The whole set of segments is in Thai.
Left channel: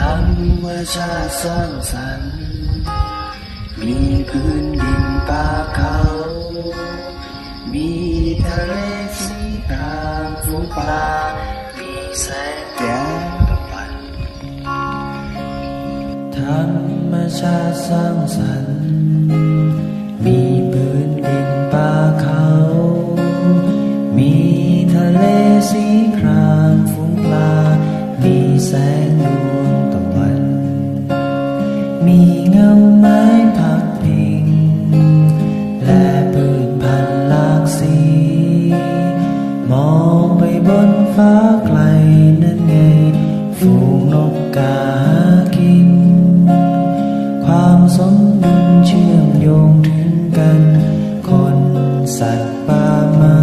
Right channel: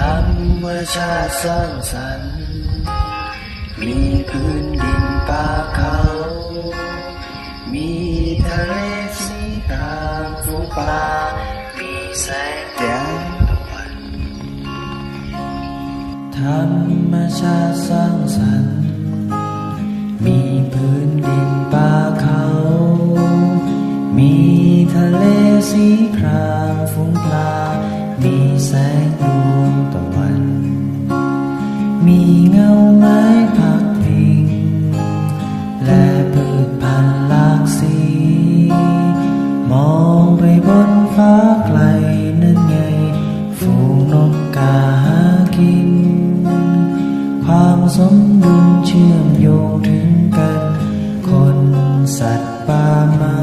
รรมชาติสร้างสรรค์มีพื้นดินป่าเขามีทะเลสีครามฝูงปลามีแสงแดดตะวันธรรมชาติสร้างสรรค์มีพื้นดินป่าเขามีทะเลสีครามฝูงปลามีแสงดวงตะวันมีเงาไม้พักพิงและพืชพันธุ์หลากสีมองไปบนฟ้าไกลนั่นไงฝูงนกกาหากินความสมดุลเชื่อมโยงถึงกันคนสัตว์ป่าไม้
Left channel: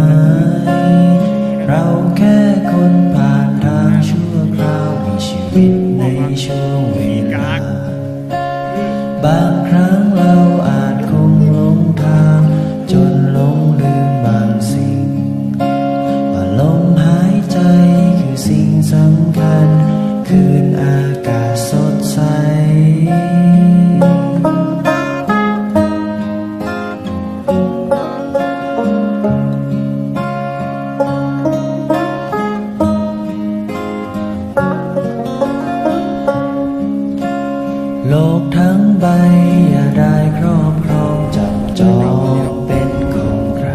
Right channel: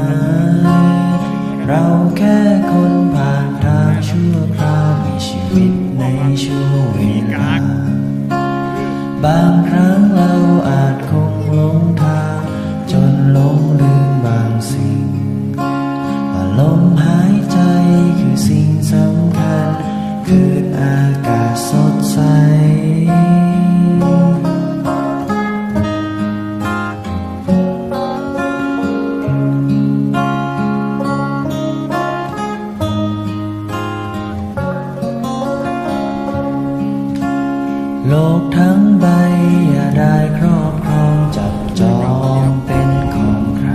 เราแค่คนผ่านทางชั่วคราวมีชีวิตในช่วงเวลาบางครั้งเราอาจคงหลงทางจนหลงลืมบางสิ่งว่าลมหายใจคือสิ่งสำคัญคืนอากาศสดใสโลกทั้งใบอย่าได้ครอบครองจับจองเป็นของใคร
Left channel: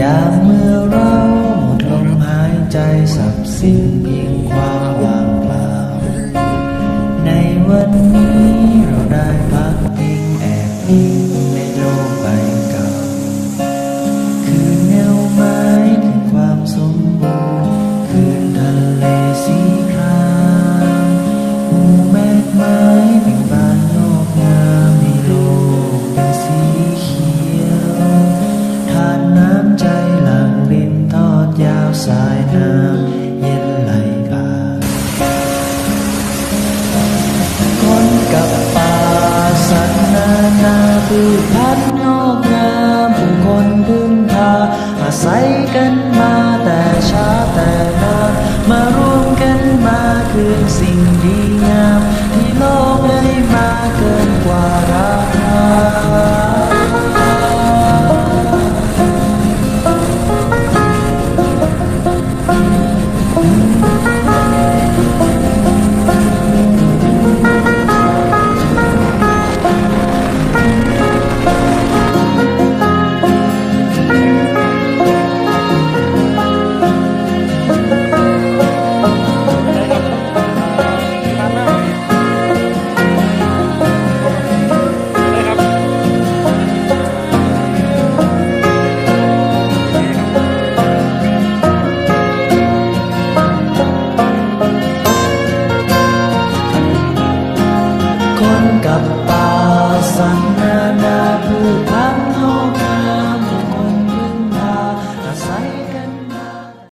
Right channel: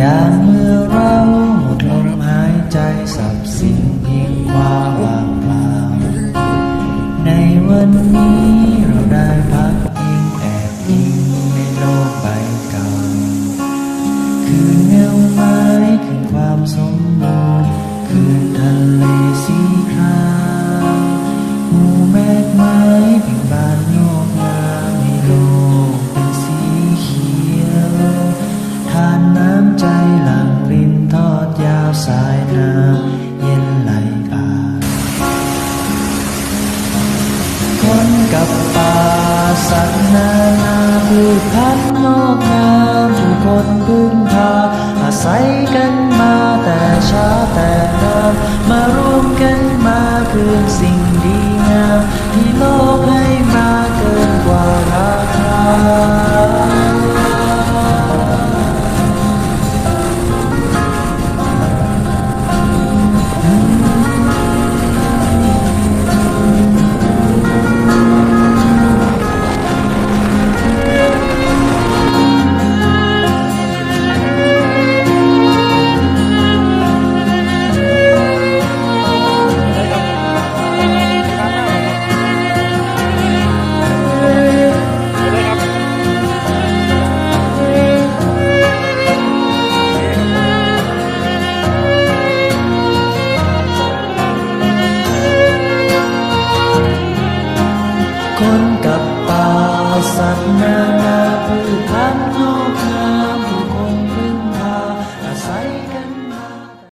ยามเมื่อเราหมดลมหายใจสับสิ้นเพียงความว่างเปล่าในวันนี้เราได้พักพิงแอบอิงในโลกใบเก่าคืนเงาไม้คืนความสมบูรณ์คืนทะเลสีครามหมู่แมกไม้เบ่งบานงอกงามให้โลกเป็นสีเขียวทานน้ำใจหลั่งรินทอดยาวสายน้ำเย็นไหลผ่านคนกับป่าสัตว์นานาพืชพันธุ์งอกงามผู้คนพึ่งพาอาศัยกันมาแต่ช้าแต่นานมารวมกันมาคืนสิ่งดีงามที่โลกให้มาเกินกว่าราคาคนกับป่าสัตว์นานาพืชพันธุ์งอกงามผู้คนพึ่งพาอาศัยกัน